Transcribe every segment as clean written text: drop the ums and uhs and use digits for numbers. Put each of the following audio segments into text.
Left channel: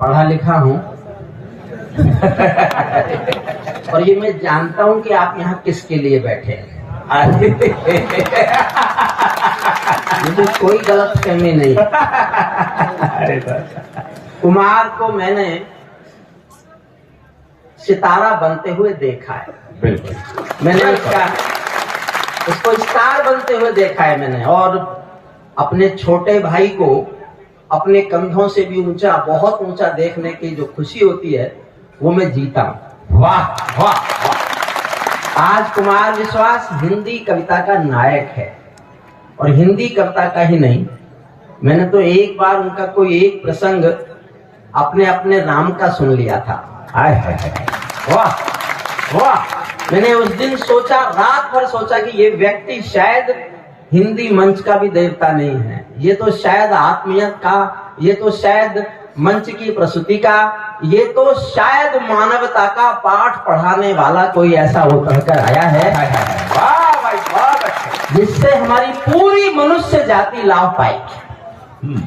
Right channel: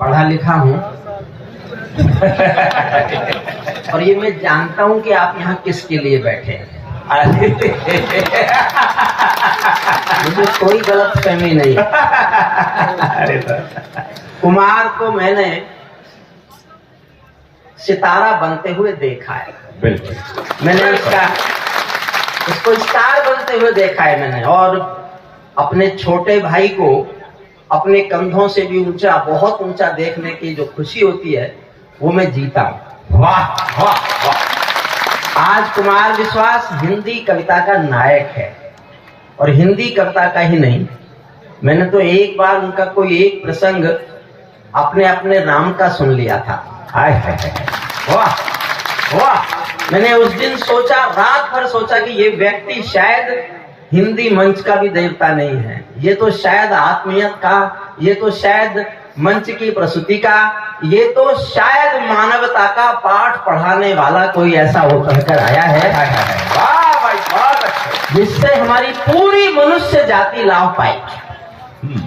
पढ़ा लिखा हूँ और ये मैं जानता हूँ कि आप यहाँ किसके लिए बैठे हैं। मुझे कोई गलत फहमी नहीं। कुमार को मैंने सितारा बनते हुए देखा है। बिल्कुल मैंने उसको स्टार बनते हुए देखा है मैंने, और अपने छोटे भाई को अपने कंधों से भी ऊंचा, बहुत ऊंचा देखने की जो खुशी होती है वो मैं जीता हूं। वाह वाह वाह। आज कुमार विश्वास हिंदी कविता का नायक है, और हिंदी कविता का ही नहीं, मैंने तो एक बार उनका कोई एक प्रसंग अपने अपने नाम का सुन लिया था। हाय हाय हाय, वाह वाह। मैंने उस दिन सोचा, रात भर सोचा कि ये व्यक्ति शायद हिंदी मंच का भी देवता नहीं है, ये तो शायद आत्मीयत का, ये तो शायद मंच की प्रस्तुति का, ये तो शायद मानवता का पाठ पढ़ाने वाला कोई ऐसा होकर कर आया है। वाह भाई बहुत अच्छा, जिससे हमारी पूरी मनुष्य जाति लाभ पाएगी।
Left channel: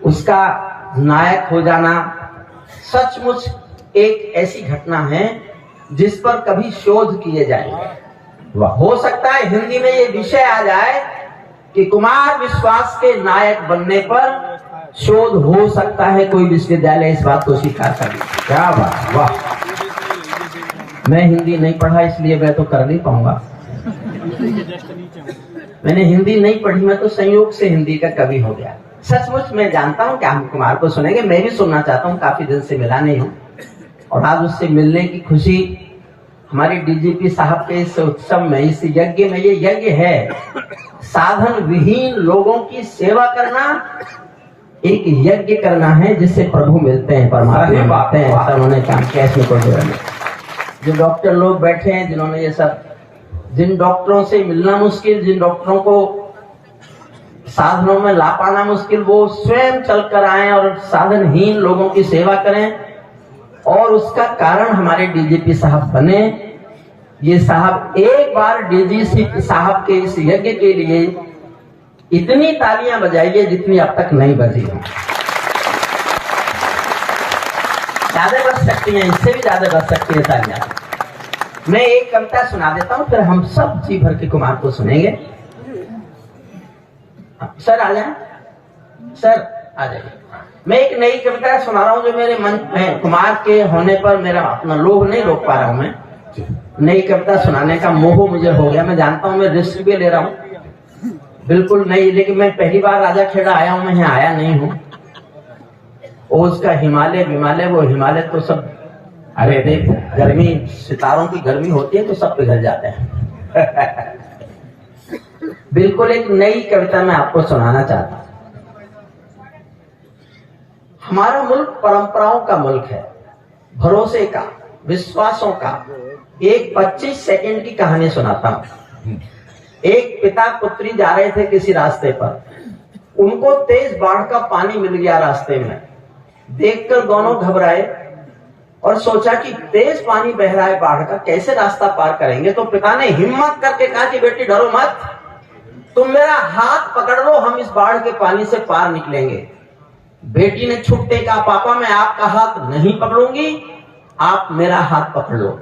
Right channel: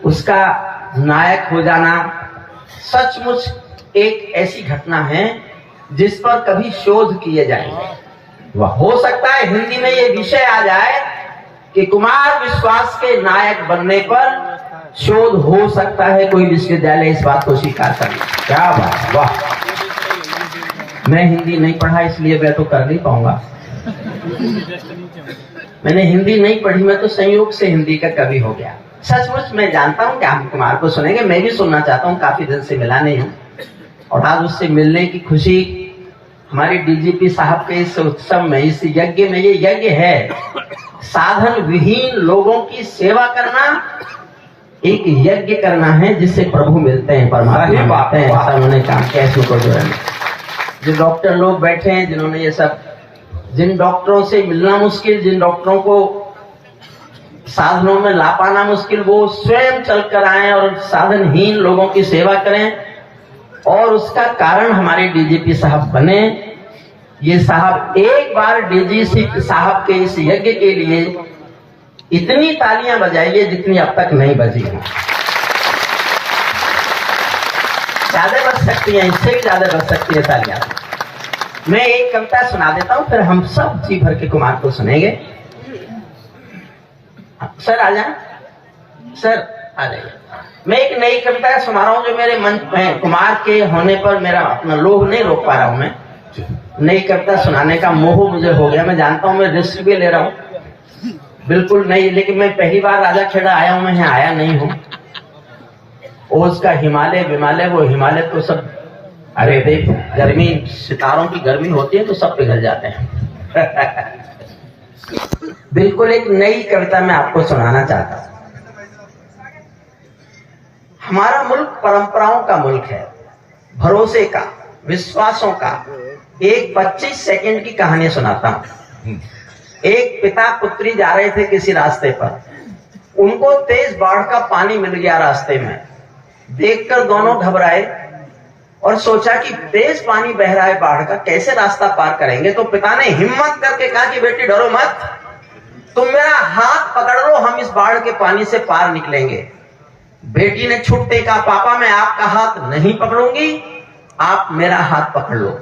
उसका नायक हो जाना सचमुच एक ऐसी घटना है जिस पर कभी शोध किए जाएंगे। हो सकता है हिंदी में ये विषय आ जाए कि कुमार विश्वास के नायक बनने पर शोध हो सकता है, कोई विश्वविद्यालय इस बात को स्वीकार कर ले। क्या बात, वाह। मैं हिंदी नहीं पढ़ा इसलिए मैं तो कर नहीं पाऊंगा। मैंने हिंदी नहीं पढ़ी, मैं तो संयोग से हिंदी का कवि हो गया। सचमुच मैं जानता हूं कि हम कुमार को सुनेंगे, मैं भी सुनना चाहता हूं, काफी दिन से मिला नहीं हूं, और आज उससे मिलने की खुशी हमारे डीजीपी साहब के इस उत्सव में, इस यज्ञ में, ये यज्ञ है साधन विहीन लोगों की सेवा करना, एक यज्ञ करना है जिससे प्रभु मिलते हैं, परमात्मा पाते हैं। ऐसा उन्होंने काम किया। इसको जो डॉक्टर लोग बैठे हैं जिन्होंने ये सब, जिन डॉक्टरों से मिलना मुश्किल, जिन डॉक्टरों को साधनों में ला पाना मुश्किल, वो स्वयं चलकर आए और साधनहीन लोगों की सेवा करें, और उसका कारण हमारे डीजीपी साहब बने। ये साहब एक बार डीजीपी साहब के इस यज्ञ के लिए इतनी तालियां बजाइए जितनी अब तक नहीं बजी हैं। ज्यादा बज सकती हैं, इससे भी ज्यादा बज सकती है तालियां। मैं एक कविता सुना देता हूं, फिर हम सब जी भर के कुमार को सुनेंगे। सर आ जाए, सर आ जाइए। मैं एक नई कविता सुना रहा हूं जो मेरे मन में, कुमार के होने पर मेरा अपना लोभ नहीं रोक पा रहा हूं। मैं नई कविता सुनाने का मोह मुझे हो गया। मैं जानता हूं मैं रिस्क भी ले रहा हूं, बिल्कुल नहीं, लेकिन मैं पहली बार राजा खेड़ा आया हूं, मैं यहाँ आया नहीं हूं। और उसका हिमालय विमालय, वो हिमालय तो सब, अरे देख गर्मी, सितारों की गर्मी होती है तो सब पिघल जाते हैं। बिल्कुल एक नई कविता मैं आपको सुनाना चाहता हूं। हमारा मुल्क परंपराओं का मुल्क है, भरोसे का, विश्वासों का। एक 25 सेकंड की कहानी सुनाता हूं। एक पिता पुत्री जा रहे थे किसी रास्ते पर, उनको तेज बाढ़ का पानी मिल गया रास्ते में। देखकर दोनों घबराए और सोचा कि तेज पानी बह रहा है बाढ़ का, कैसे रास्ता पार करेंगे। तो पिता ने हिम्मत करके कहा कि बेटी डरो मत, तुम मेरा हाथ पकड़ लो, हम इस बाढ़ के पानी से पार निकलेंगे। बेटी ने छुटते कहा पापा मैं आपका हाथ नहीं पकड़ूंगी, आप मेरा हाथ पकड़ लो।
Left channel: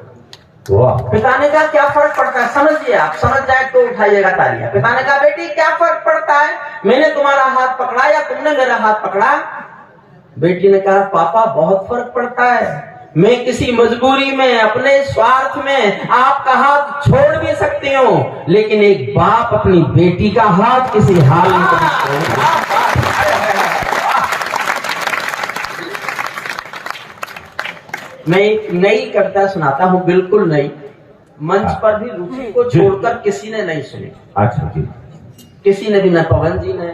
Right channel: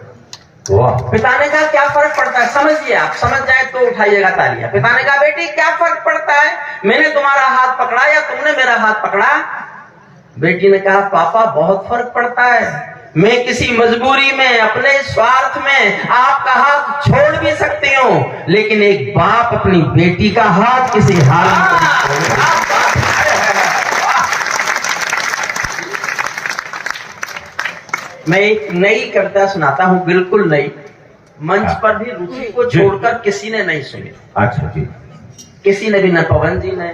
पिता ने कहा क्या फर्क पड़ता है, समझिए, आप समझ जाए तो उठाइएगा तालियां। पिता ने कहा बेटी क्या फर्क पड़ता है, मैंने तुम्हारा हाथ पकड़ा या तुमने मेरा हाथ पकड़ा। बेटी ने कहा पापा बहुत फर्क पड़ता है, मैं किसी मजबूरी में, अपने स्वार्थ में आपका हाथ छोड़ भी सकती हूँ, लेकिन एक बाप अपनी बेटी का हाथ किसी हाल में नहीं छोड़ेगा। मैं एक नई कविता सुनाता हूं, बिल्कुल नई, मंच पर भी रुचि को छोड़कर किसी ने नहीं सुनी। अच्छा जी। किसी ने भी, न पवन जी ने,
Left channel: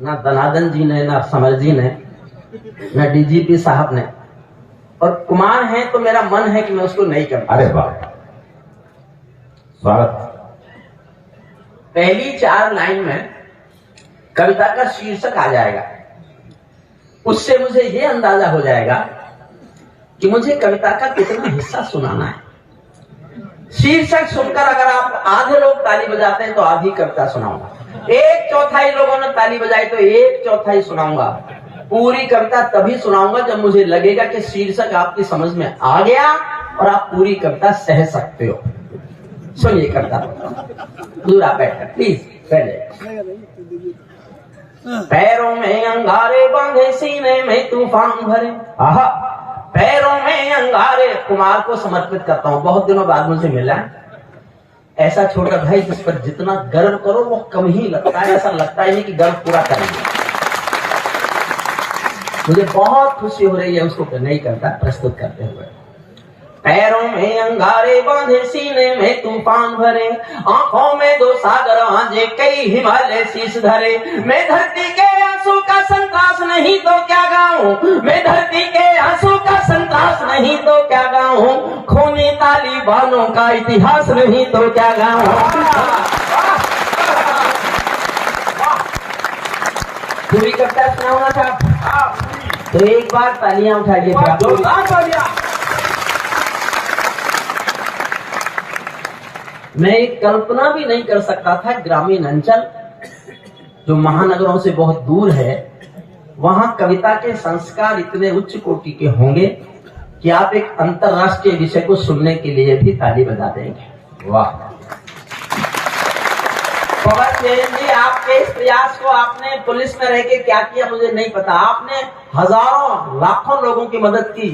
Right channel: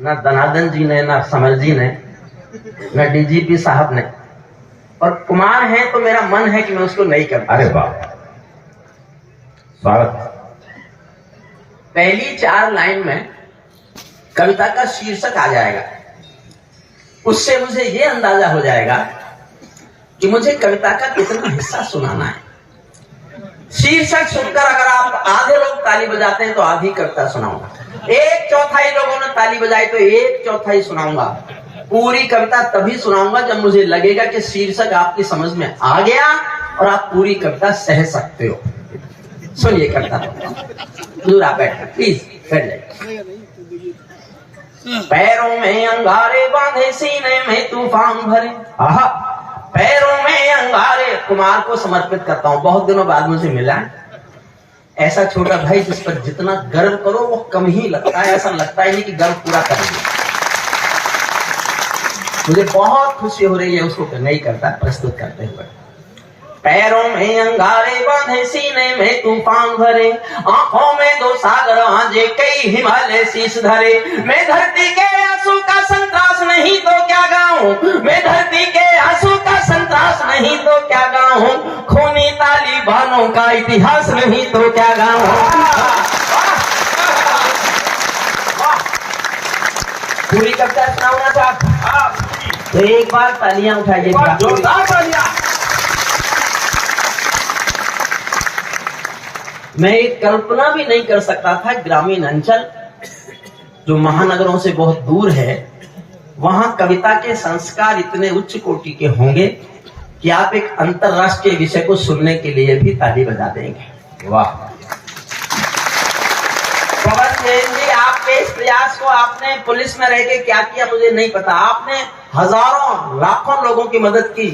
न दनादन जी ने, न समर जी ने, न डीजीपी साहब ने। और कुमार है तो मेरा मन है कि मैं उसको नहीं करता। अरे वाह, स्वागत। पहली 4 लाइन में कविता का शीर्षक आ जाएगा, उससे मुझे ये अंदाजा हो जाएगा कि मुझे कविता का कितना हिस्सा सुनाना है। शीर्षक सुनकर अगर आप आधे लोग ताली बजाते हैं तो आधी कविता सुनाऊंगा, 1/4 लोगों ने ताली बजाई तो 1/4 सुनाऊंगा। पूरी कविता तभी सुनाऊंगा जब मुझे लगेगा कि शीर्षक आपकी समझ में आ गया और आप पूरी कविता सह सकते हो। सुनिए कविता। दूर आप बैठ प्लीज बैठ जाइए। पैरों में अंगारे बांधे, सीने में तूफान भरे। आहा, पैरों में अंगारे। कुमार को समर्पित करता हूँ, बहुत दिनों बाद मुझे मिला। ऐसा छोटा भाई जिस पर जितना गर्व करो वो कम ही लगता है, ऐसा लगता ही नहीं कि गर्व पूरा कर लिया। मुझे बहुत खुशी हो रही है उसको नहीं करता प्रस्तुत करते हुए। पैरों में अंगारे बांधे, सीने में तूफान भरे, आंखों में दो सागर आंजे, कई हिमालय शीश धरे। मैं धरती के आंसू का संतरास नहीं तो क्या गाऊं, मैं धरती के आंसू का संतरास नहीं तो क्या गाऊं, खूनी तालिबानों का इतिहास नहीं तो क्या गाऊं। पूरी कविता सुनाऊंगा साहब, तो एक बार तालियां उठाइए, जोरदार तालियां। मैं एक कल्पना भी नहीं कर सकता था ग्रामीण अंचल जो महानगरों से बहुत दूर है, वहां कविता के संस्कार इतने उच्च कोटि के होंगे कि आप एक अंतरराष्ट्रीय विषय को सुनने के लिए भी ताली बजा देंगे। वाह पवन जैन जी, आपके इस प्रयास को आपने पुलिस में रह के क्या किया मुझे नहीं पता। आपने हजारों लाखों लोगों की मदद की,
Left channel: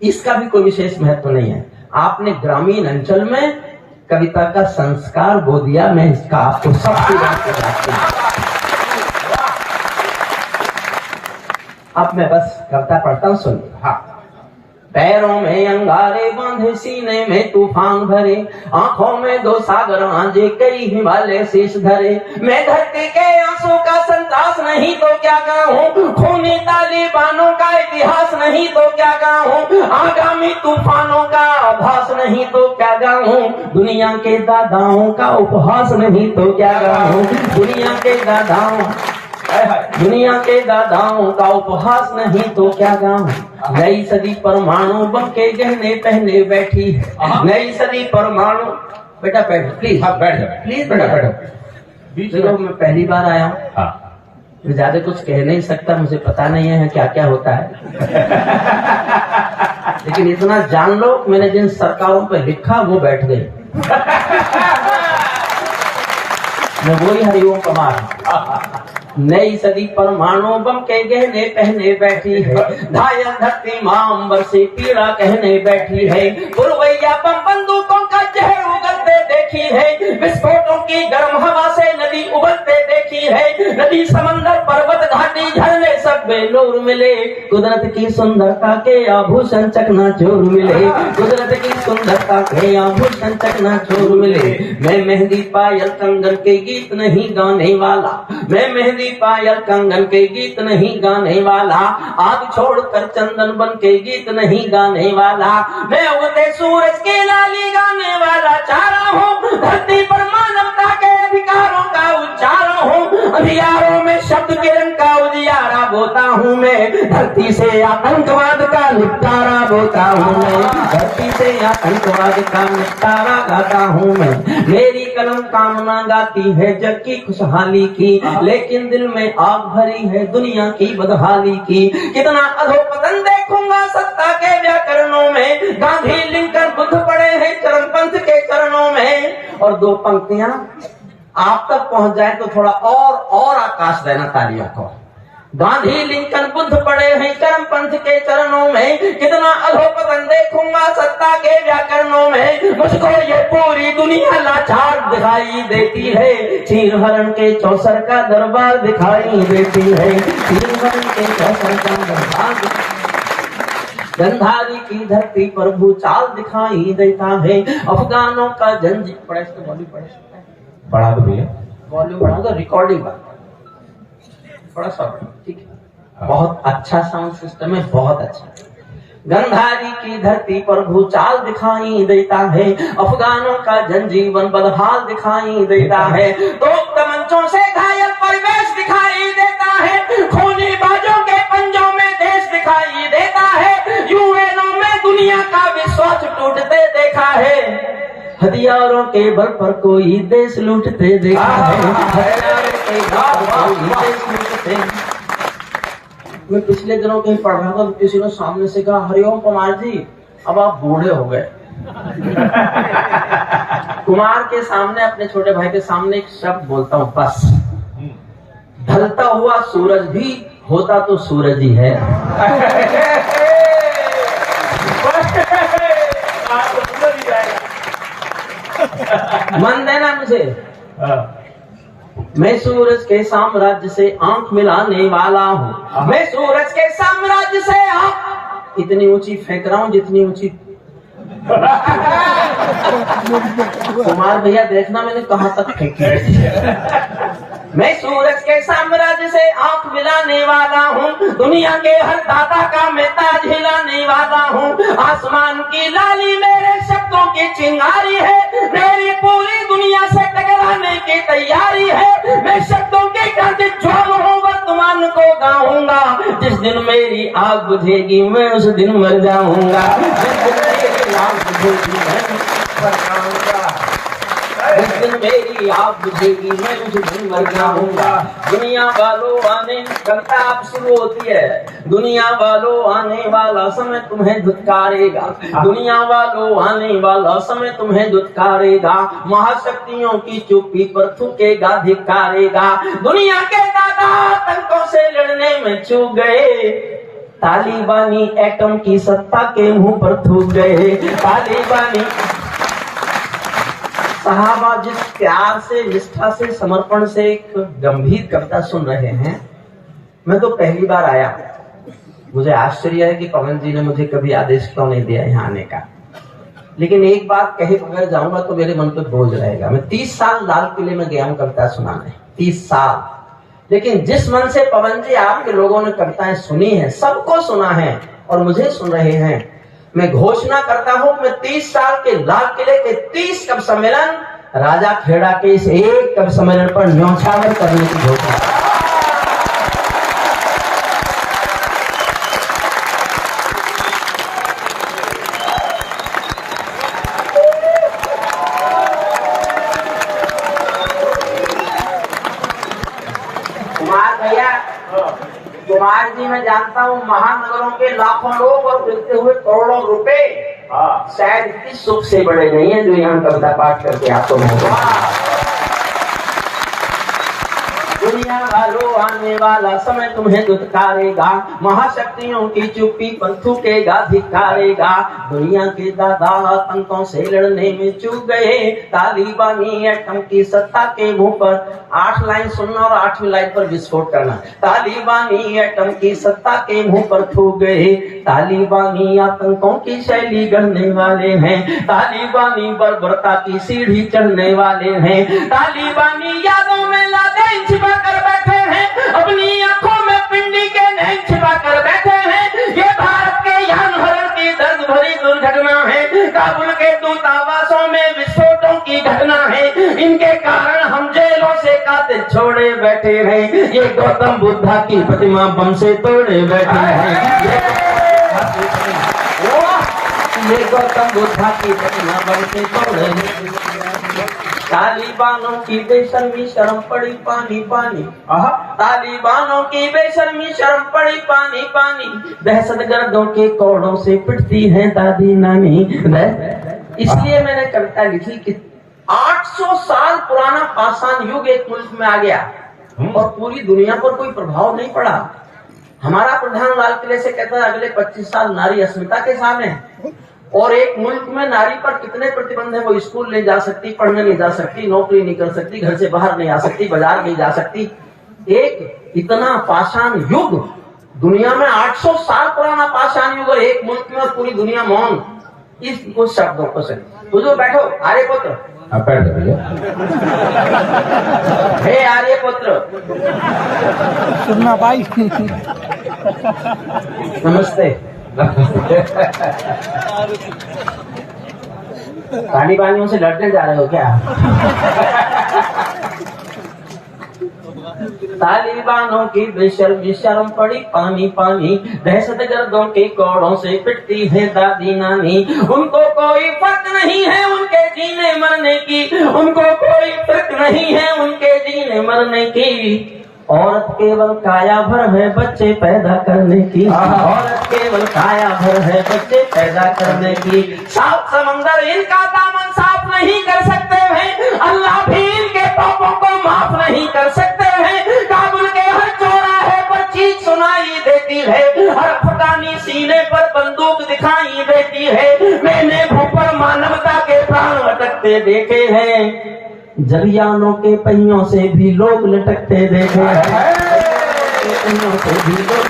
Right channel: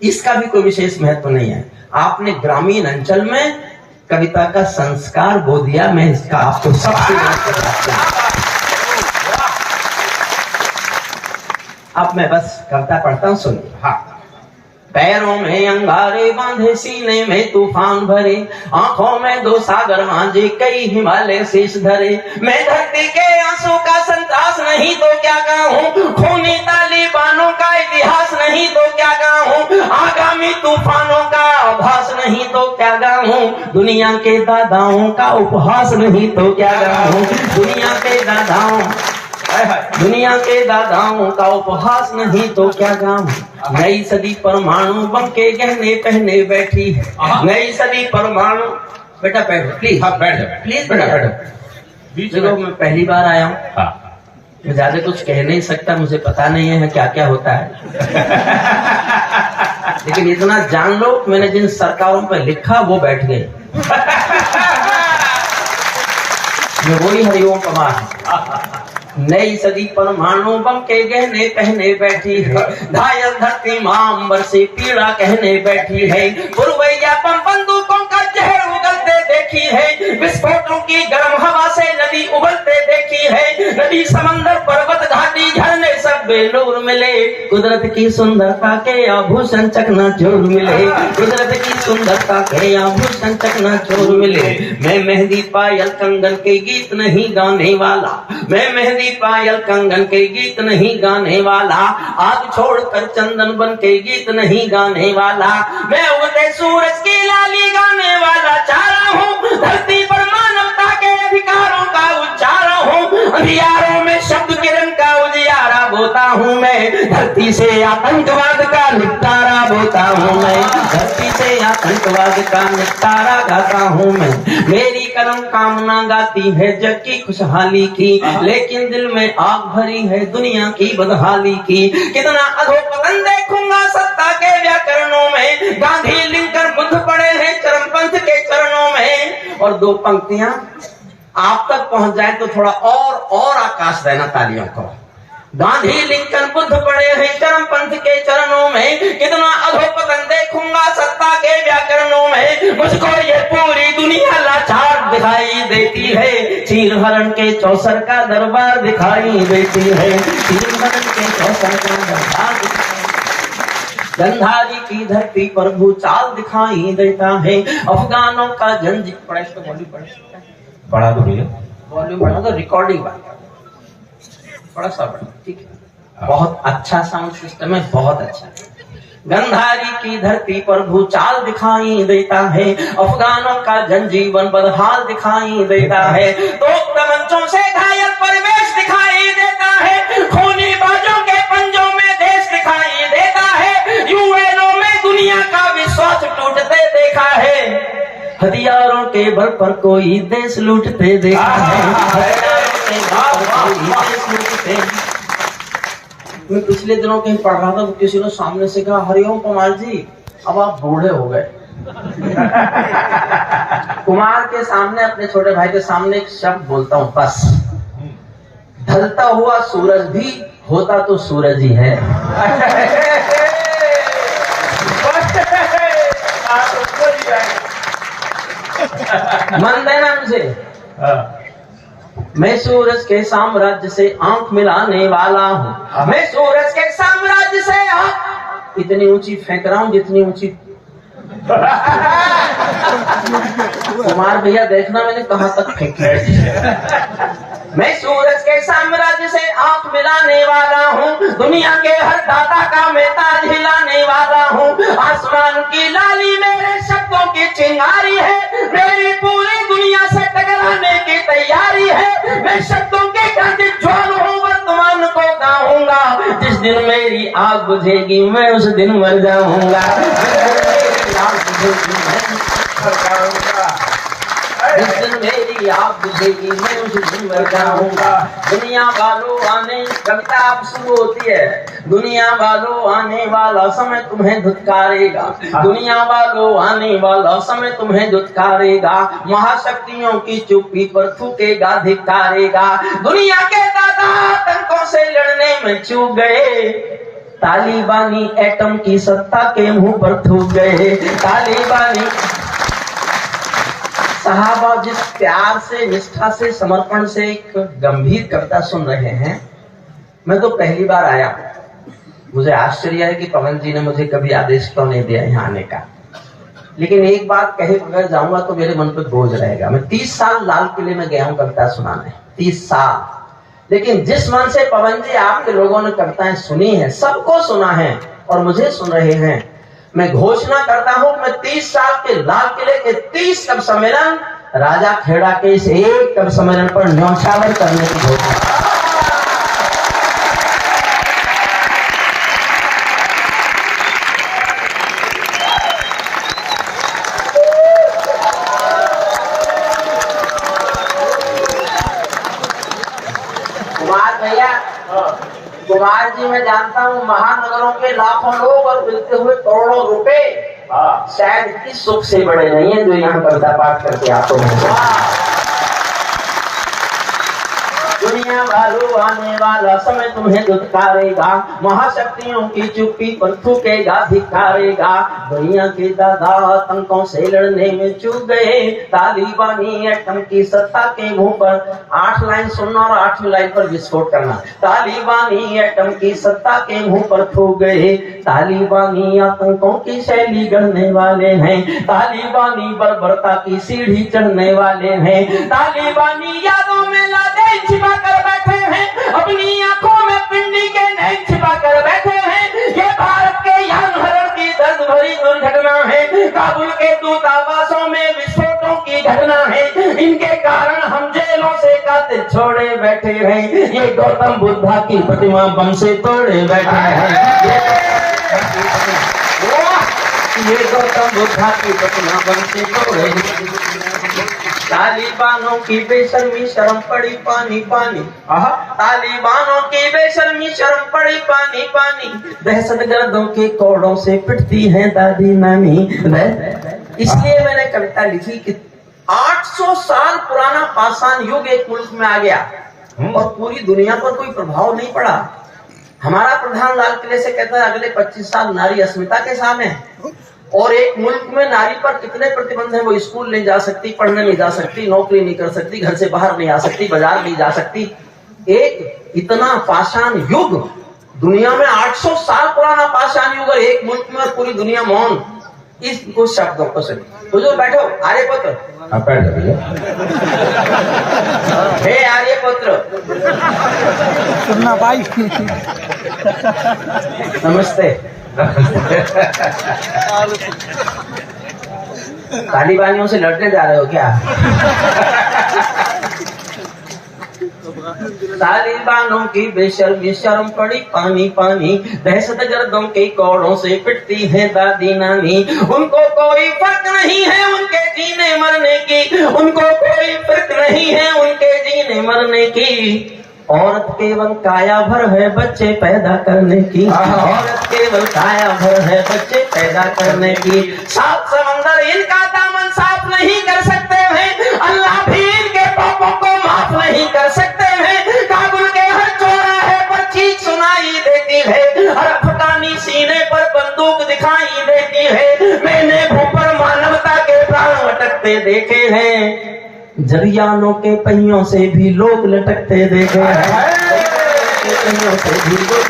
इसका भी कोई विशेष महत्व नहीं है। आपने ग्रामीण अंचल में कविता का संस्कार बो दिया, मैं इसका आपको सबसे अब मैं बस कविता पढ़ता हूं, सुनिए। हाँ। पैरों में अंगारे बांधे, सीने में तूफान भरे, आंखों में दो सागर आंजे, कई हिमालय शीश धरे। मैं धरती के आंसू का संतरास नहीं तो क्या गाऊं, खूनी तालिबानों का इतिहास नहीं तो क्या गाऊं, आगामी तूफानों का आभास नहीं तो क्या गाऊं, दुनिया के दादाओं का उपहास नहीं तो क्या गाऊं, दुनिया के दादाओं का उपहास नहीं तो क्या गाऊं। नई सदी परमाणु बम के गहने पहने बैठी है, नई सदी परमाणु। बेटा बैठो प्लीज, बैठ जाओ प्लीज, बेटा बैठो। देखो मैं पहली बार आया हूँ, मैं ज्यादा कुछ कह नहीं सकता, मुझे पता नहीं है क्या क्या होता है। लेकिन इतना जान लो, मैंने जिन सरकारों पे लिखा वो बैठ गए। मैं वही हरिओम कुमार। नई सदी परमाणु बम के गहने पहने बैठी है, घायल धरती मां से पीड़ा कहने बैठी है, पुरवैया बम बंदूकों का जहर उगलते देखी है, विस्फोटों की गर्म हवा से नदी उबलते देखी है, नदी समंदर पर्वत घाटी झरने सब बेलूर मिले, कुदरत की सुंदरता के आभूषण चकनाचूर मिले, कुदरत की सुंदरता के आभूषण चकनाचूर मिले। मैं मेहंदी पायल कंगन के गीत नहीं गाने वाला, मैं मेहंदी पायल कंगन के गीत नहीं गाने वाला, आग छोड़कर चंदन बन के गीत नहीं गाने वाला, मैं उगते सूरज की लाली गाने वाला चाह रहा हूँ, धरती पर मानवता के अधिकारों का उच्चारण हूँ, अंधियारों में शब्द किरण का उजियारा बोता हूँ मैं, धरती से आतंकवाद का निपटारा बोता हूँ मैं, धरती से आतंकवाद का निपटारा गाता हूँ मैं। मेरी कलम कामना गाती है जग की खुशहाली की, लेकिन दिल में आग भरी है दुनिया की बदहाली की। कितना अधोपतन देखूंगा सत्ता के व्याकरणों में, गांधी लिंकन बुद्ध पड़े हैं चरमपंथ के चरणों में। और दो पंक्तियां आप तक पहुंच जाए तो थोड़ा और आकाश देना तालियों को। गांधी लिंकन बुद्ध पड़े हैं चरमपंथ के चरणों में, कितना अधोपतन देखूंगा सत्ता के व्याकरणों में। मुझको ये पूरी दुनिया लाचार दिखाई देती है, चीर हरण के चौसर का दरबार दिखाई देती है, चीर हरण के चौसर का दरबार। गंधारी की धरती पर भूचाल दिखाई देता है, अफगानों का जंजीर। बढ़ा दो भैया, वॉल्यूम बढ़ा दो, रिकॉर्डिंग थोड़ा सा बढ़ा, ठीक है। बहुत अच्छा साउंड सिस्टम है, बहुत अच्छा। गंधारी की धरती पर भूचाल दिखाई देता है, अफगानों का जनजीवन बदहाल दिखाई देता है, तो तमंचों से घायल परिवेश दिखाई देता है, खूनी बाजों के पंजों में देश दिखाई देता है, यूएनओ में दुनिया का विश्वास टूटते देखा है, हथियारों के बल पर कोई देश लूटते देखा है, हथियारों के बल पर कोई देश लूटते। मैं पिछले दिनों कहीं पढ़ रहा था तो किसी ने सामने से कहा, हरिओम कुमार जी, अब आप बूढ़े हो गए। कुमार के सामने, अपने छोटे भाई के सामने एक शब्द बोलता हूं, बस। ढलता हुआ सूरज भी होता तो सूरज ही है। मन देना मुझे। मैं सूरज के साम्राज्य से आंख मिलाने वाला हूँ। मैं सूरज के साम्राज्य से आंख इतनी ऊंची फेंक रहा हूँ जितनी ऊंची। कुमार भैया देखना मैंने कहां तक फेंकी। मैं सूरज के साम्राज्य से आंख मिलाने वाला हूँ। दुनिया के हर दाता का मैं ताज हिलाने वाला हूँ। आसमान की लाली मेरे शब्दों की चिंगारी है। मेरी पूरी दुनिया से टकराने की तैयारी है। मैं शब्दों के गाते ज्वाल हूँ, वर्तमान को गाऊंगा। जिस दिन मेरी आग बुझेगी मैं उस दिन मर जाऊंगा। जिस दिन मेरी आग बुझेगी मैं उस दिन मर जाऊंगा। दुनिया वालों आने, कविता अब शुरू होती है। दुनिया वालों आने वाला समय तुम्हें धुतकारेगा। दुनिया वालों आने वाला समय तुम्हें धुतकारेगा। महाशक्तियों की चुप्पी पर थूकेगा, धिक्कारेगा। दुनिया के दादा आतंकों से लड़ने में चूक गए। तालिबानी एटम की सत्ता के मुंह पर थूक गए। तालिबानी साहबा जिस प्यार से, निष्ठा से, समर्पण से एक गंभीर कविता सुन रहे हैं, मैं तो पहली बार आया। मुझे आश्चर्य है कि पवन जी ने मुझे कभी आदेश क्यों नहीं दिया यहाँ आने का। लेकिन एक बात कहे बगैर जाऊंगा तो मेरे मन पर बोझ रहेगा। मैं 30 साल लाल किले में गया हूँ कविता सुनाने, 30 साल। लेकिन जिस मन से पवन जी आपके लोगों ने कविताएं सुनी है, सबको सुना है और मुझे सुन रहे हैं, मैं घोषणा करता हूं, मैं 30 साल के लाल किले के 30 कवि सम्मेलन राजा खेड़ा के इस एक कवि सम्मेलन पर न्यौछावर करने की घोषणा। कुमार भैया, कुमार जी मैं जानता हूँ महानगरों के लाखों लोग और मिलते हुए करोड़ों रुपए शायद इतनी सुख से बड़े नहीं है जो यहाँ कविता पाठ करके आपको मिलेगा। दुनिया वालों आने वाला समय तुम्हें धुतकारेगा। महाशक्तियों की चुप्पी पर थूकेगा, धिक्कारेगा। दुनिया के दादा आतंकों से लड़ने में चूक गए। तालिबानी एटम की सत्ता के मुंह पर 8 लाइन सुनना और 8वीं लाइन पर विस्फोट करना। तालिबानी एटम की सत्ता के मुंह पर थूक गए। तालिबानी आतंकों की शैली गढ़ने वाले हैं। तालिबानी बर्बरता की सीढ़ी चढ़ने वाले हैं। तालिबानी यादों में लादे छिपा कर बैठे हैं। अपनी आंखों में पिंडी के नैन छिपा कर बैठे हैं। ये भारत के यान हरण की दर्द भरी दुर्घटना है। काबुल के दूतावासों में विस्फोटों की घटना है। इनके कारण हम जेलों से कातिल छोड़े बैठे हैं। ये गौतम बुद्धा की प्रतिमा बम से तोड़े बैठे हैं। ये गौतम बुद्धा की प्रतिमा बम से तोड़े। तालिबानों की बेशर्मी शर्म पड़ी पानी पानी। तालिबानों की बेशर्मी शर्म पड़ी पानी पानी। दहशतगर्दों के कोड़ों से पिटती हैं दादी नानी। इसलिए मैंने कविता लिखी कि 800 साल पुराना पाषाण युग एक मुल्क में आ गया और पूरी दुनिया पर कोई प्रभाव नहीं पड़ा। हमारा प्रधान लाल किले से कहता है अगले 25 साल नारी अस्मिता के साल है। और एक मुल्क में नारी पर कितने प्रतिबंध है। वो स्कूल नहीं जा सकती, पढ़ने नहीं जा सकती, नौकरी नहीं कर सकती, घर से बाहर नहीं आ सकती, बाजार नहीं जा सकती। एक इतना पाषाण युग दुनिया में, 800 साल पुराना पाषाण युग, एक मुल्क में और पूरी दुनिया मौन। इस कुछ शब्दों को सुनिए। हुजूर बैठो, आर्यपुत्र बैठ जाइए। हे आर्यपुत्र, सुनना भाई। नमस्ते। तालिबानियों से लड़ने जा रहे हो क्या? तालिबानों की बेशर्मी शर्म पड़ी पानी पानी। दहशतगर्दों के कोड़ों से पिटती है दादी नानी। उनको कोई फर्क नहीं है उनके जीने मरने की। उनको कोई फर्क नहीं है उनके जीने मरने की। औरत केवल काया भर है बच्चे पैदा करने की, औरत केवल काया भर है बच्चे पैदा करने की। सात समंदर इनका दामन साफ नहीं कर सकते हैं, अल्लाह भी इनके पापों को माफ नहीं कर सकते हैं। काबुल के हर चौराहे पर चीख सुनाई देती है, हर अफगानी सीने पर बंदूक दिखाई देती है। मैंने भूपर मानवता के प्राण अटकते देखे हैं, जरियानों के पहियों से भी लोग लटकते देखे हैं, पहियों से भी लोग,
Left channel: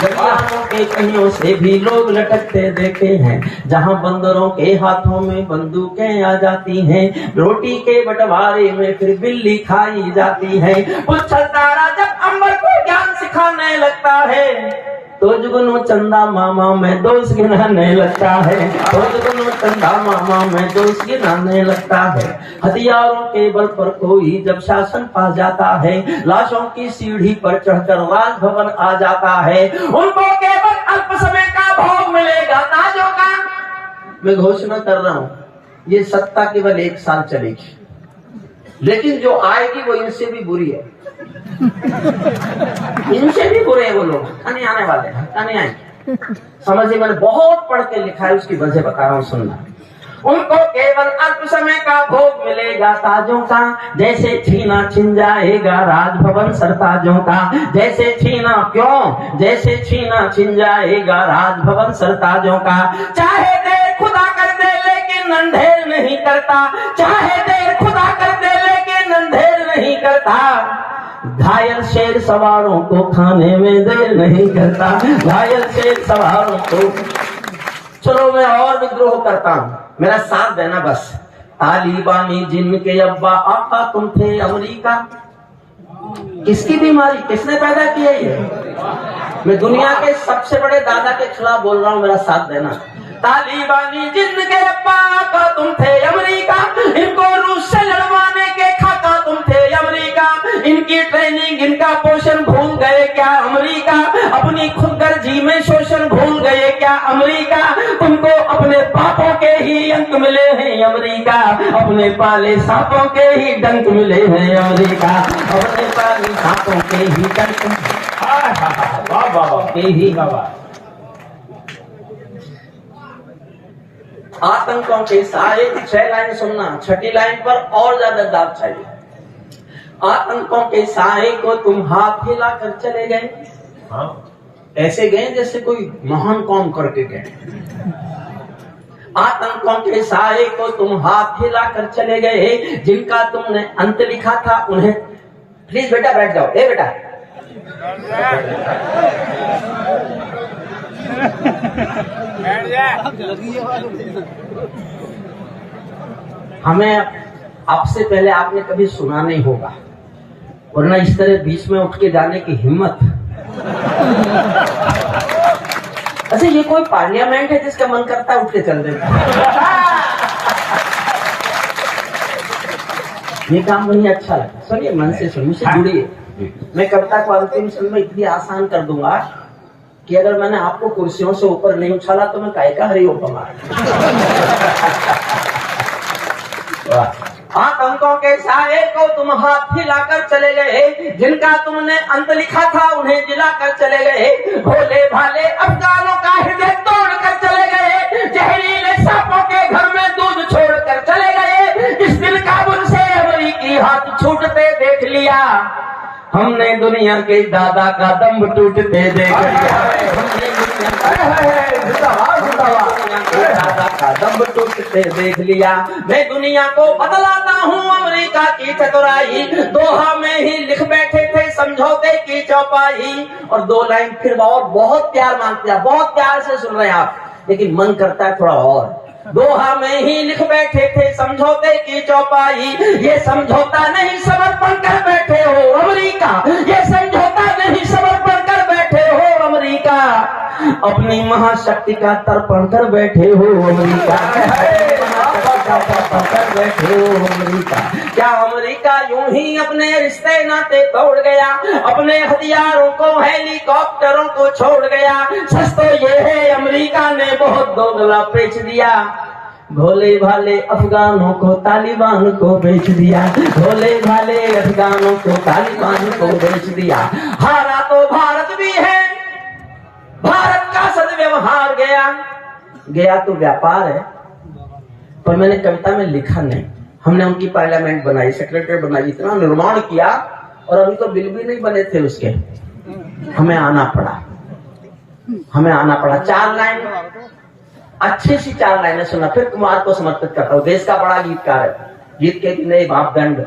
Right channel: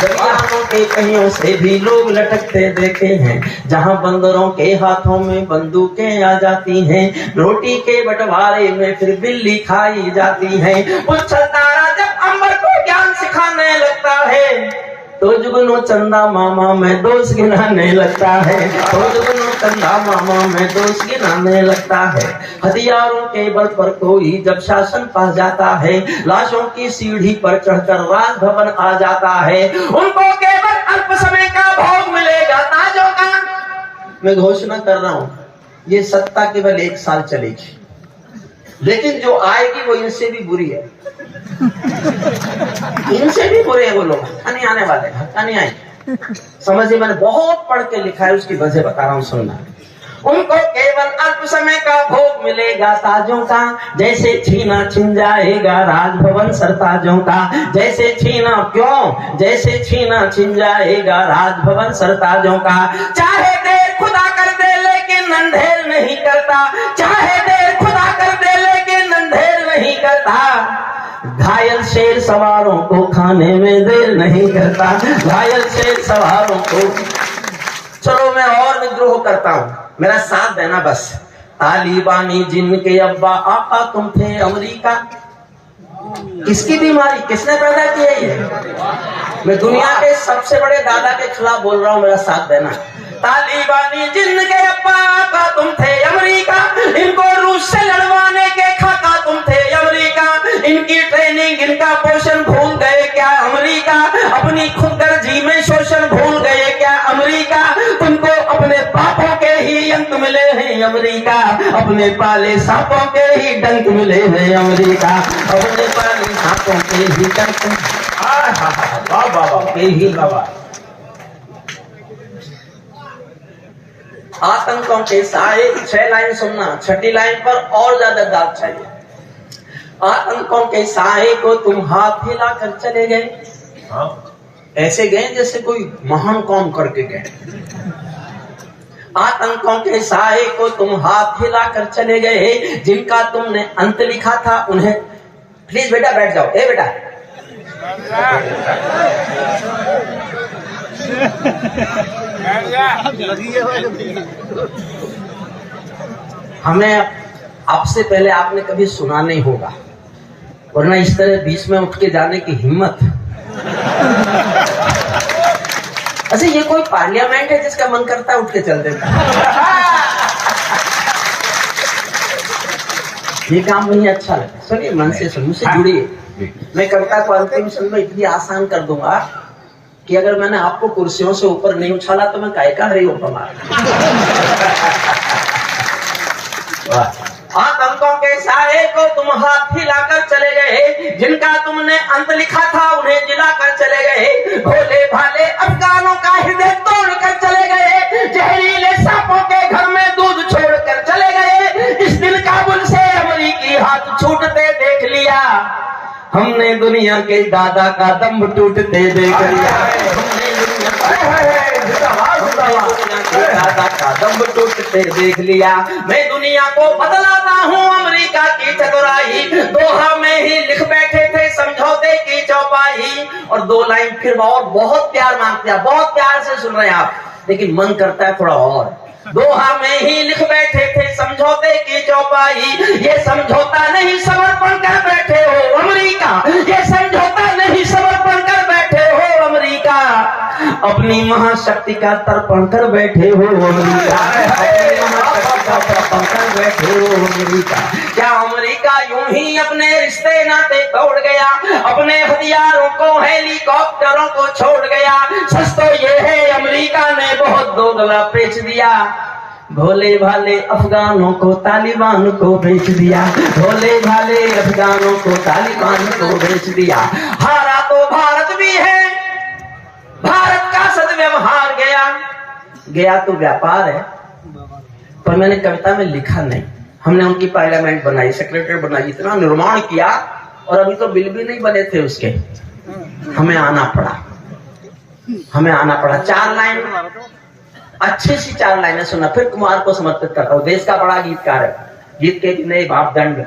जरियानों के पहियों से भी लोग लटकते देखे हैं। जहां बंदरों के हाथों में बंदूकें आ जाती हैं, रोटी के बंटवारे में फिर बिल्ली खाई जाती है। उछल तारा जब अंबर को ज्ञान सिखाने लगता है, तो जुगनू चंदा मामा में दोष गिनाने लगता है, तो जुगनू चंदा मामा में दोष गिनाने लगता है। हथियारों के बल पर कोई जब शासन पा जाता है, लाशों की सीढ़ी पर चढ़कर राजभवन आ जाता है। उनको केवल अल्प समय का भोग मिलेगा ताजों का। मैं घोषणा कर रहा हूँ, ये सत्ता केवल 1 साल चलेगी, लेकिन जो आएगी वो इनसे भी बुरी है, इनसे भी बुरे हैं वो लोग। नहीं आने वाले, नहीं आएंगे। समझिए, मैंने बहुत पढ़ के लिखा है, उसकी वजह बता रहा हूँ, सुनना। उनको केवल अल्प समय का भोग मिलेगा ताजों का, जैसे छीना छिन जाएगा राजभवन सरताजों का। जैसे छीना, क्यों? जैसे छीना छिन जाएगा राजभवन सरताजों का। चाहे देर खुदा कर दे लेकिन अंधेर नहीं करता, चाहे देर खुदा कर दे लेकिन अंधेर नहीं करता। घायल शेर सवारों को खाने में देर नहीं करता, घायल शेर सवारों को। चलो मैं और विद्रोह करता हूँ, मेरा साथ देना बस। तालिबानी जिनके अब्बा आका तुम थे अमेरिका। किसकी बीमारी, किसने पैदा किया ये? मैं दुनिया के सबसे बड़े दादा के खिलाफ बोल रहा हूँ, मेरा साथ देना। तालिबानी जिनके अब्बा आका तुम थे अमेरिका, इनको रूस से लड़वाने के खाका तुम थे अमेरिका। इनकी ट्रेनिंग, इनका पोषण भूल गए क्या अमेरिका? अपनी खुदगर्जी में शोषण भूल गए क्या अमेरिका? तुमको अपने पापों के ही अंक मिले हैं अमेरिका, अपने पाले सांपों के ही डंक मिले हैं अमेरिका, अपने पाले सांपों के ही डंक के ही। आतंकों के साए, 6 लाइन सुनना, 6ठी लाइन पर और ज्यादा दाद चाहिए। आतंकों के साए को तुम हाथ हिलाकर चले गए, ऐसे गए जैसे कोई महान काम करके गए। आतंकों के साए को तुम हाथ हिलाकर चले गए, जिनका तुमने अंत लिखा था उन्हें। प्लीज बेटा बैठ जाओ, ए बेटा। हमें आपसे पहले आपने कभी सुना नहीं होगा, वरना इस तरह बीच में उठ के जाने की हिम्मत। अच्छा, ये कोई पार्लियामेंट है जिसका मन करता है उठ के चल देता? ये काम मुझे अच्छा लगता है। सुनिए, मन से सुनिए, मुझसे जुड़िए। मैं कविता को अंतिम समय में इतनी आसान कर दूंगा कि अगर मैंने आपको कुर्सियों से ऊपर नहीं उछाला तो मैं काय का हरिओम कमा। आतंकों के साए को तुम हाथ हिलाकर चले गए, जिनका तुमने अंत लिखा था उन्हें जिलाकर चले गए। भोले भाले अफगानों का हृदय तोड़कर चले गए, जहरीले सांपों के घर में दूध छोड़कर चले गए। इस दिन काबुल से अमेरिकी हाथ छूटते देख लिया, हमने दुनिया के दादा का दम टूटते देख लिया। दादा का दम टूटते देख लिया। मैं दुनिया को बतलाता हूँ अमेरिका की चतुराई, दोहा में ही लिख बैठे थे समझौते की चौपाई। और 2 लाइन फिर और बहुत प्यार मांगते हैं, बहुत प्यार से सुन रहे हैं आप, लेकिन मन करता है थोड़ा और। दोहा में ही लिख बैठे थे समझौते की चौपाई, ये समझौता नहीं समर्पण कर बैठे हो अमेरिका, ये समझौता नहीं समर्पण कर बैठे हो अमेरिका, अपनी महाशक्ति का तर्पण कर बैठे हो अमेरिका, कर बैठे हो अमेरिका। क्या अमेरिका यूं ही अपने रिश्ते नाते तोड़ गया, अपने हथियारों को हेलीकॉप्टरों को छोड़ गया? सच तो ये है अमेरिका ने बहुत दोगला बेच दिया। भोले भाले अफगानों को तालिबान को बेच दिया, भोले भाले अफगानों को तालिबान को बेच दिया। हारा तो भारत भी है, भारत का सदव्यवहार गया, गया तो व्यापार है। पर मैंने कविता में लिखा नहीं, हमने उनकी पार्लियामेंट बनाई, सेक्रेटरी बनाई, इतना निर्माण किया और अभी तो बिल भी नहीं बने थे उसके। हमें आना पड़ा 4 लाइन, अच्छी सी 4 लाइनें सुना, फिर कुमार को समर्पित करता हूँ। देश का बड़ा गीतकार है, गीत के नए मापदंड,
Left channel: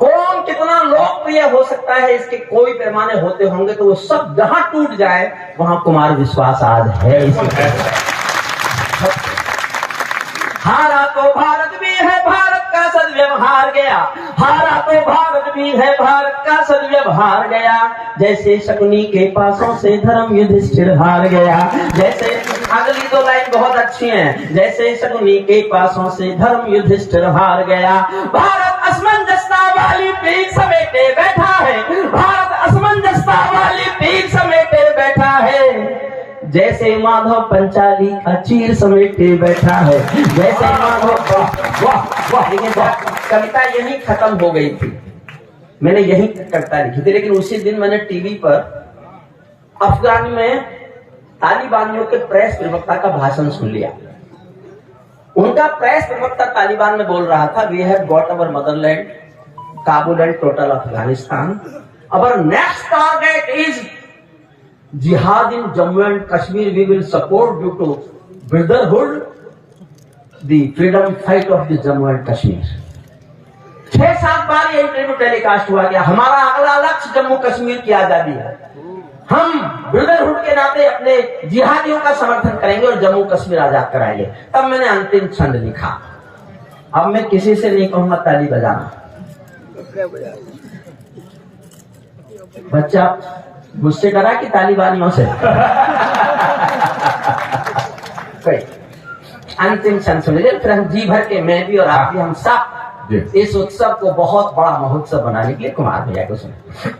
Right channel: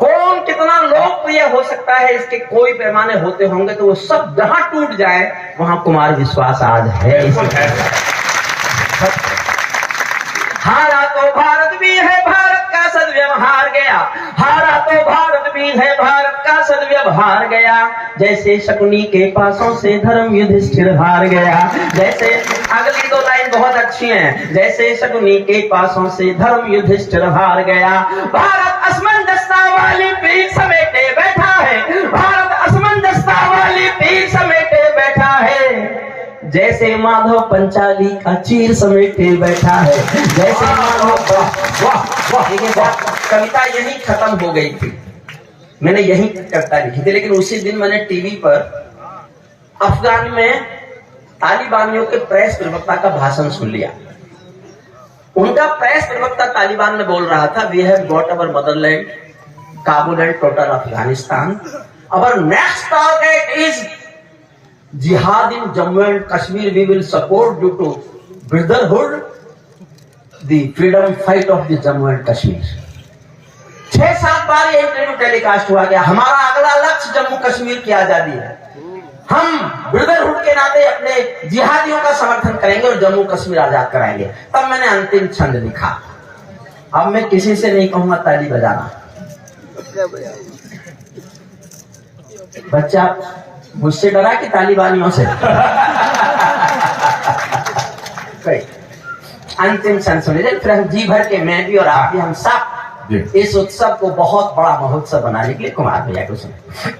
कौन कितना लोकप्रिय हो सकता है इसके कोई पैमाने होते होंगे, तो वो सब जहां टूट जाए वहां कुमार विश्वास आज है। हारा तो भारत भी है, भारत का सदव्यवहार गया, हारा तो भारत भी है, भारत का सदव्यवहार गया। जैसे शकुनी के पासों से धर्म युधिष्ठिर हार गया, जैसे अगली 2 लाइन बहुत अच्छी हैं, जैसे शकुनी के पासों से धर्म युधिष्ठिर हार गया। भारत असमंजसता वाली पीठ समेटे बैठा है, भारत असमंजसता वाली पीठ समेटे बैठा है। जैसे माधव पंचाली का चीर समेटे बैठा है, जैसे माधव। वाह वाह, लेकिन कविता यही खत्म हो गई थी, मैंने यही कविता लिखी थी। लेकिन उसी दिन मैंने टीवी पर अफगान में तालिबानियों के प्रेस प्रवक्ता का भाषण सुन लिया। उनका प्रेस प्रवक्ता तालिबान में बोल रहा था, we have got our motherland, Kabul and total Afghanistan, our next target is jihad in Jammu and Kashmir, we will support due to brotherhood the freedom fight of the Jammu and Kashmir। 6-7 बार ये interview telecast हुआ गया, हमारा अगला लक्ष्य जम्मू कश्मीर की आजादी है, हम ब्रदरहुड के नाते अपने जिहादियों का समर्थन करेंगे और जम्मू कश्मीर आजाद कराएंगे। तब मैंने अंतिम छंद लिखा, अब मैं किसी से नहीं कहूंगा ताली बजाना। बच्चा मुझसे डरा कि तालिबानियों से? अंतिम क्षण सुनिए, फिर हम जी भर के, मैं भी और आप भी, हम सब इस उत्सव को बहुत बड़ा महोत्सव बनाने के लिए कुमार भैया को सुने।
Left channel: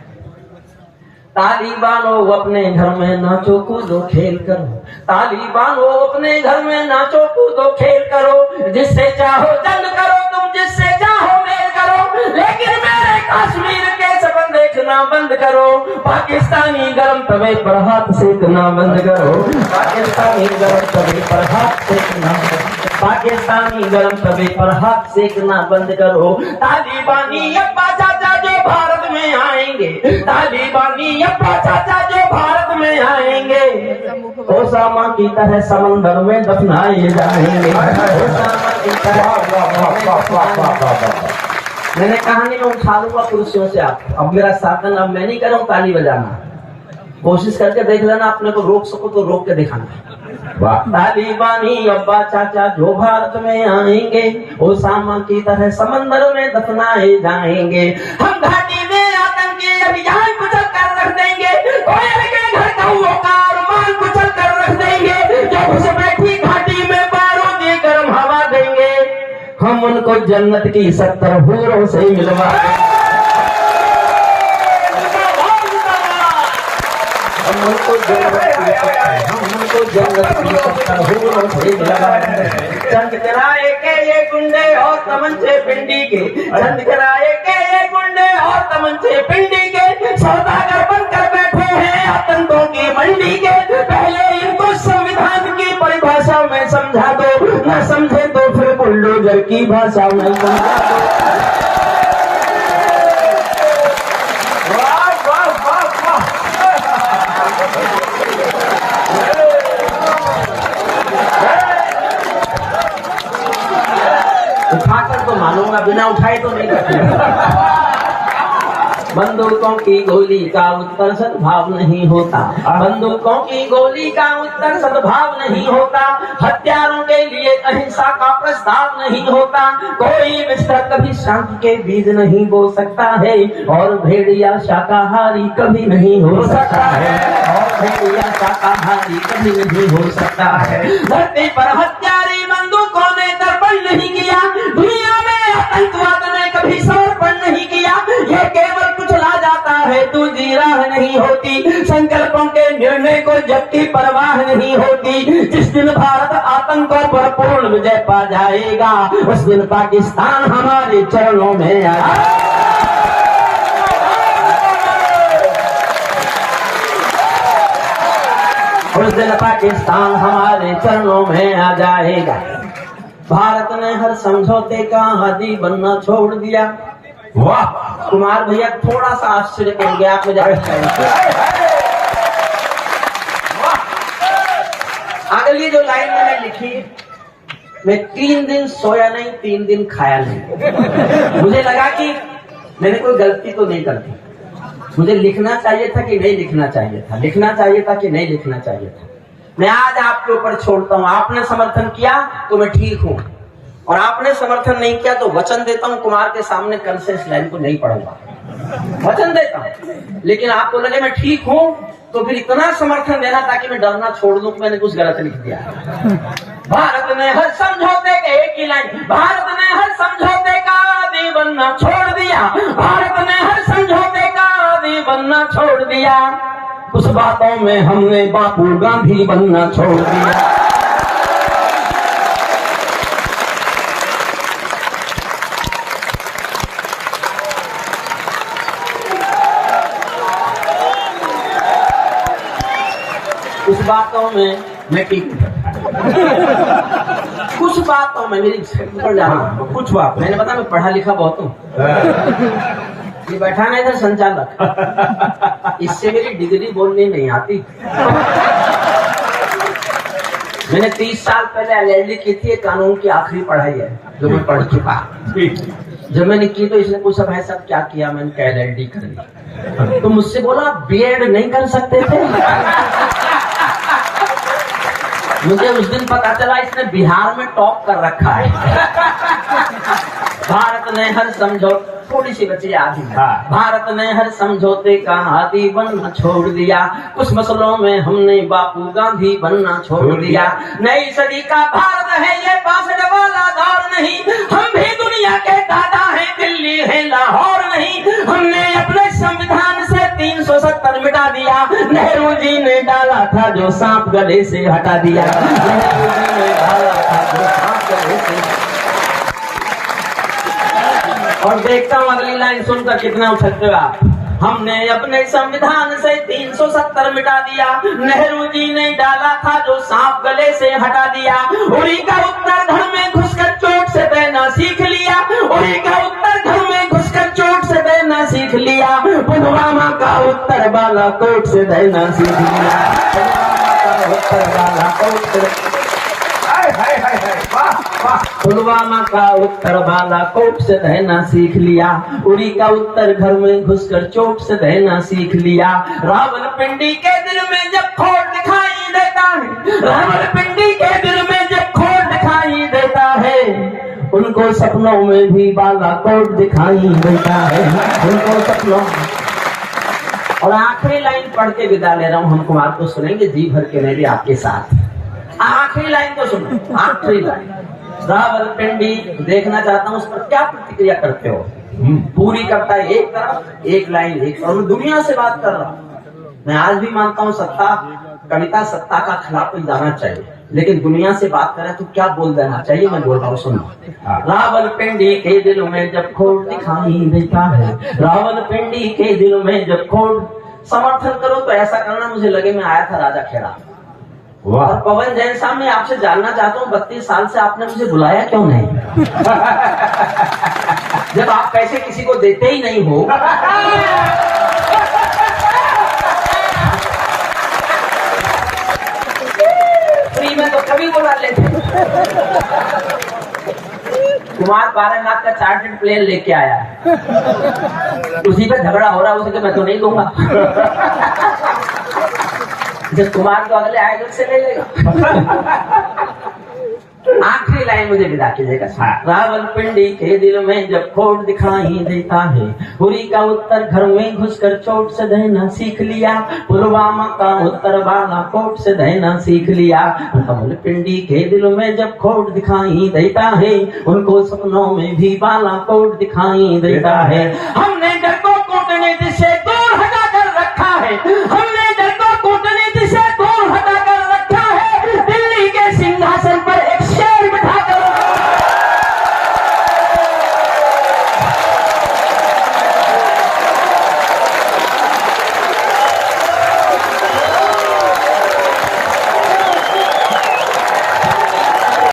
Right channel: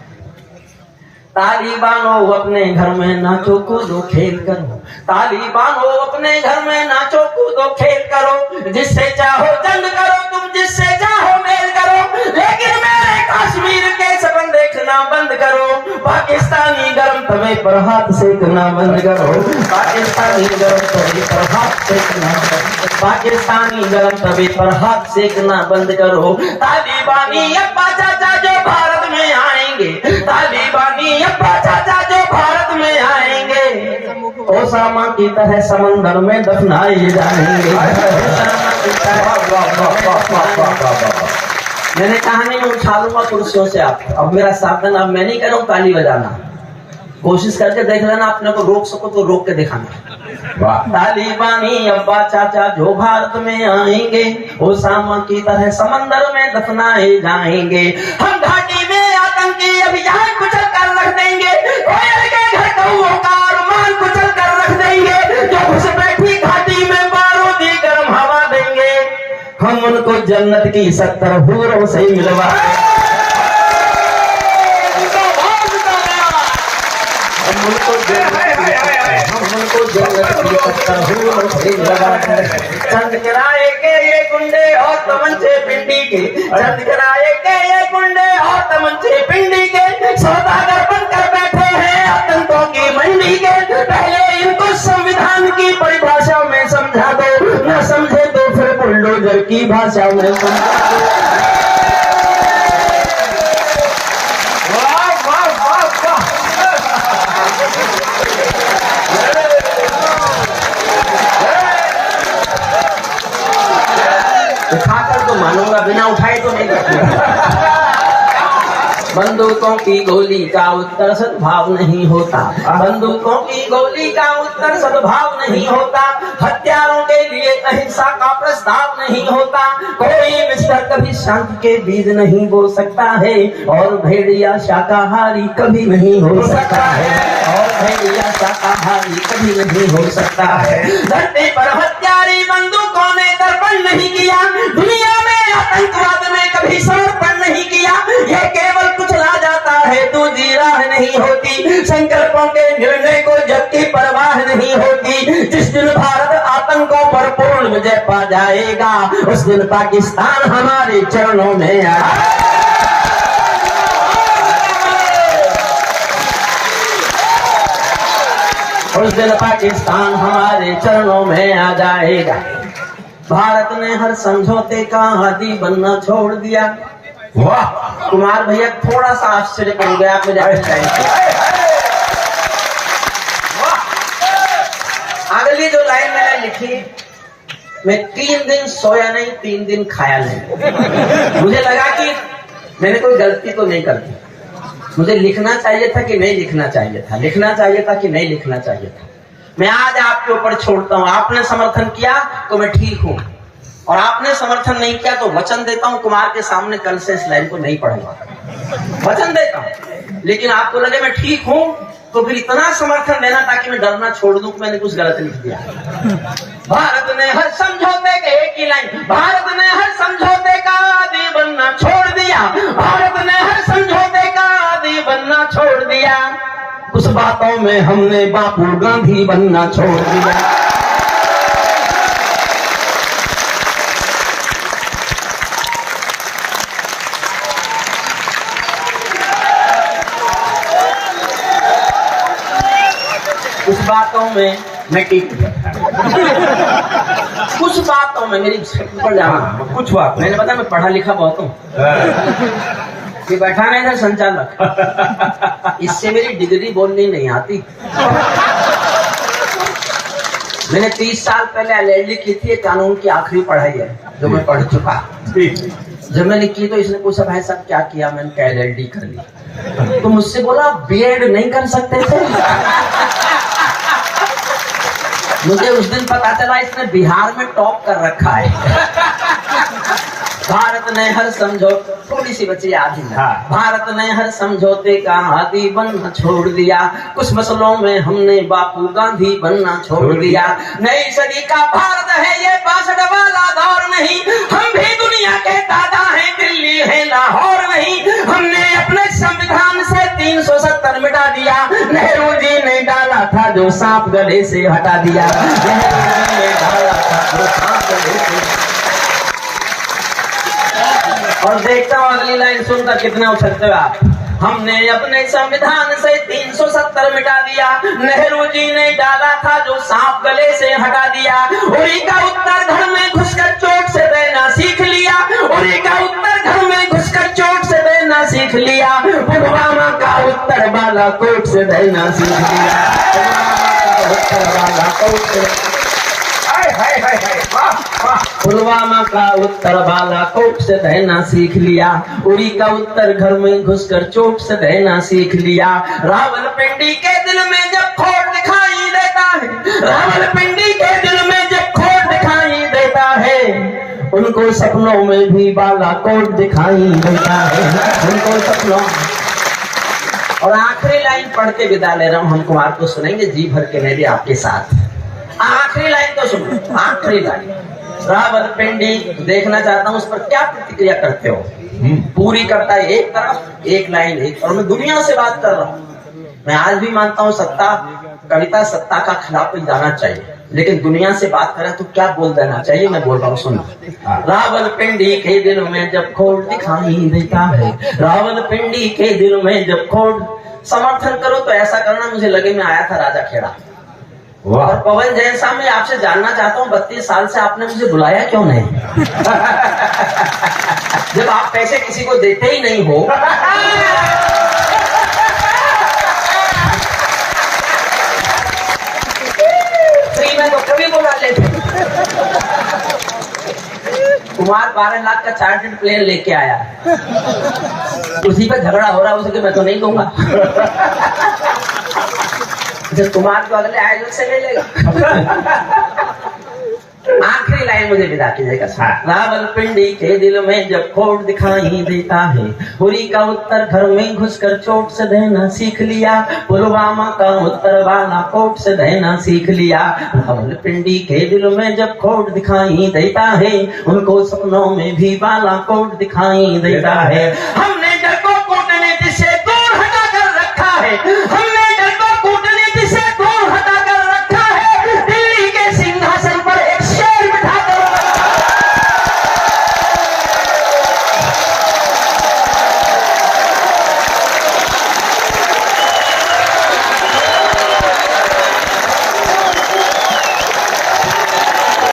तालिबानों अपने घर में नाचो कूदो खेल करो, तालिबानों अपने घर में नाचो कूदो खेल करो, जिससे चाहो जंग करो तुम, जिससे चाहो मेल करो, लेकिन मेरे कश्मीर के सपन देखना बंद करो। पाकिस्तानी गरम तवे पर हाथ सेकना बंद करो, पाकिस्तानी गरम तवे पर हाथ सेकना, पाकिस्तानी गरम तवे पर हाथ सेकना बंद करो। तालिबानी अब्बा चाचा जो भारत में आएंगे, तालिबानी अब्बा चाचा जो भारत में आएंगे, ओसामा की तरह समंदर में दफनाए जाएंगे। मैंने कहानी में उठा लूंगा कुर्सियों से आप, अब मेरा साधन, अब मैं नहीं कर रहा हूँ ताली बजाना, कोशिश करके देख लेना, अपने को रोक सको तो रोक के दिखाना। तालिबानी अब्बा चाचा जो भारत में आएंगे, ओसामा की तरह समंदर में दफनाए जाएंगे। हम घाटी में आतंकी अभियान कुचल कर रख देंगे, कोयल के घर कौओं का अरमान कुचल कर रख देंगे, जो घुस बैठी घाटी में बारूदी गर्म हवा देंगे, हम उनको जन्नत की 70 हूरों से मिलवा देंगे। हम उनको जन्नत की 70 हूरों से मिलवा देंगे। चंद किराए के ये गुंडे और तमंचे पिंडी के, चंद किराए के ये गुंडे और तमंचे पिंडी के, सौदागर बनकर बैठे हैं आतंकों की मंडी के। पहले इनको संविधान की परिभाषा में समझा दो, न समझे तो फिर बुलडोजर की भाषा में समझा दो। उठाकर तो मानूंगा, बिना उठाए तो नहीं बैठूंगा। बंदूकों की गोली का उत्तर सद्भाव नहीं होता, बंदूकों की गोली का उत्तर सद्भाव नहीं होता, हथियारों के लिए अहिंसा का प्रस्ताव नहीं होता, कोई विस्तर कभी शांति के बीज नहीं बो सकता है, और भेड़िया शाकाहारी कभी नहीं हो सकता है, और भेड़िया शाकाहारी कभी नहीं हो सकता है। धरती पर हत्यारी बंदूकों ने दर्पण नहीं किया, दुनिया में आतंकवाद ने कभी समर्पण नहीं किया, ये केवल कुचला जाता है, दूसरी राह नहीं होती, संकल्पों के निर्णय को जब की परवाह नहीं होती। जिस दिन भारत आतंक आतंकों पर पूर्ण विजय पा जाएगा। उस दिन पाकिस्तान हमारे चरणों में आ उस दिन पाकिस्तान हमारे चरणों में आ जाएगा। भारत ने हर समझौते का आदी बनना छोड़ दिया। वाह कुमार भैया, थोड़ा सा आश्चर्य कर गया आप मुझे। अगली जो लाइन मैंने लिखी, मैं 3 दिन सोया नहीं, 3 दिन खाया नहीं। मुझे लगा कि मैंने कोई गलती तो नहीं कर दी। मुझे लिखना चाहिए था कि नहीं लिखना चाहिए था, लिखना चाहिए था कि नहीं लिखना चाहिए था। मैं आज आपके ऊपर छोड़ता हूं। आपने समर्थन किया तो मैं ठीक हूं, और आपने समर्थन नहीं किया तो वचन देता हूं कुमार के सामने कल से इस लाइन को नहीं पढ़ूंगा। वचन देता हूं। लेकिन आपको लगे मैं ठीक हूं तो फिर इतना समर्थन देना ताकि मैं डरना छोड़ दूं कि मैंने कुछ गलत लिख दिया। भारत ने हर समझौते के एक ही लाइन, भारत ने हर समझौते का आदी बनना छोड़ दिया। भारत ने हर समझौते का आदी बनना छोड़ दिया। कुछ बातों में हमने बापू गांधी बनना छोड़ दिया। कुछ बातों में मैं ठीक कुछ बातों में मेरी पर जाना, कुछ बात मैंने बताया मैं पढ़ा लिखा बहुत हूँ। ये बैठा नहीं था संचालक, इससे मेरी डिग्री बोलनी नहीं आती। मैंने 30 साल पहले LLD की थी, कानून की आखिरी पढ़ाई है जो मैं पढ़ चुका। जब मैंने की तो इसने पूछा भाई साहब क्या किया, मैंने कहा LLD कर ली। तो मुझसे बोला B.Ed नहीं कर सकते थे। मुझे उस दिन पता चला इसने बिहार में टॉप कर रखा है। भारत ने हर समझौते, थोड़ी सी बची आधी में। भारत ने हर समझौते का आदी बनना छोड़ दिया। कुछ मसलों में हमने बापू गांधी बनना छोड़ दिया। नई सदी का भारत है ये 62 वाला दौर नहीं। हम भी दुनिया के दादा हैं, दिल्ली है लाहौर नहीं। हमने अपने संविधान से 370 मिटा दिया। नेहरू जी ने डाला था जो सांप गले से हटा दिया। नेहरू जी ने डाला था जो सांप गले से। और देखता हूँ अगली लाइन सुनकर कितना उछलते हो आप। हमने अपने संविधान से 370 मिटा दिया। नेहरू जी ने डाला था जो सांप गले से हटा दिया। उरी का उत्तर घर में घुसकर चोट से देना सीख लिया। उरी का उत्तर घर में घुसकर चोट से देना सीख लिया। पुलवामा का उत्तर बालाकोट से देना सीख लिया। पुलवामा का उत्तर बालाकोट से रहना सीख लिया। उरी का उत्तर घर में घुसकर चोट से रहना सीख लिया। रावलपिंडी के दिल में जब खोट दिखाई देता है, रावलपिंडी के दिल में जब खोट दिखाई देता है, उनको सपनों में भी बालाकोट दिखाई देता है। उनको सपनों। और आखिरी लाइन पढ़ के विदा ले रहा हूं। हम कुमार को सुनेंगे जी भर के मेरे आपके साथ। आखिरी लाइन तो सुनो, आखिरी लाइन। रावलपिंडी देखना चाहता हूं उस पर क्या प्रतिक्रिया करते हो। पूरी करता है एक तरफ, एक लाइन एक तरफ। मैं दुनिया से बात कर रहा हूं। मैं आज भी मानता हूं सत्ता, कविता सत्ता का खिलाफ जाना चाहिए, लेकिन दुनिया से बात करें तो क्या बोल देना चाहिए। मैं बोल रहा हूँ सुनो। रावलपिंडी के दिल में जब खोट दिखाई देता है, रावलपिंडी के दिल में जब खोट। समर्थन करो तो ऐसा करना मुझे लगे मैं आया था राजा खेड़ा। और पवन जैन साहब मैं आपसे जानना चाहता हूँ 32 साल से आपने मुझे बुलाया क्यों नहीं। जब आप पैसे किसी को देते ही नहीं हो। फ्री में तो कभी बुला लेते। कुमार 12 लाख का चार्टर्ड प्लेन लेके आया है, उसी पे झगड़ा हो रहा है उसके, मैं तो नहीं दूंगा। जब कुमार तो अगले आयोजन से ले लेगा। आखिरी लाइन मुझे विदा कीजिएगा। रावलपिंडी के दिल में जब खोट दिखाई देता है, उरी का उत्तर घर में घुसकर चोट से देना सीख लिया। पुलवामा का उत्तर बालाकोट से देना सीख लिया। रावलपिंडी के दिल में जब खोट दिखाई देता है, उनको सपनों में भी बालाकोट दिखाई देता है। हमने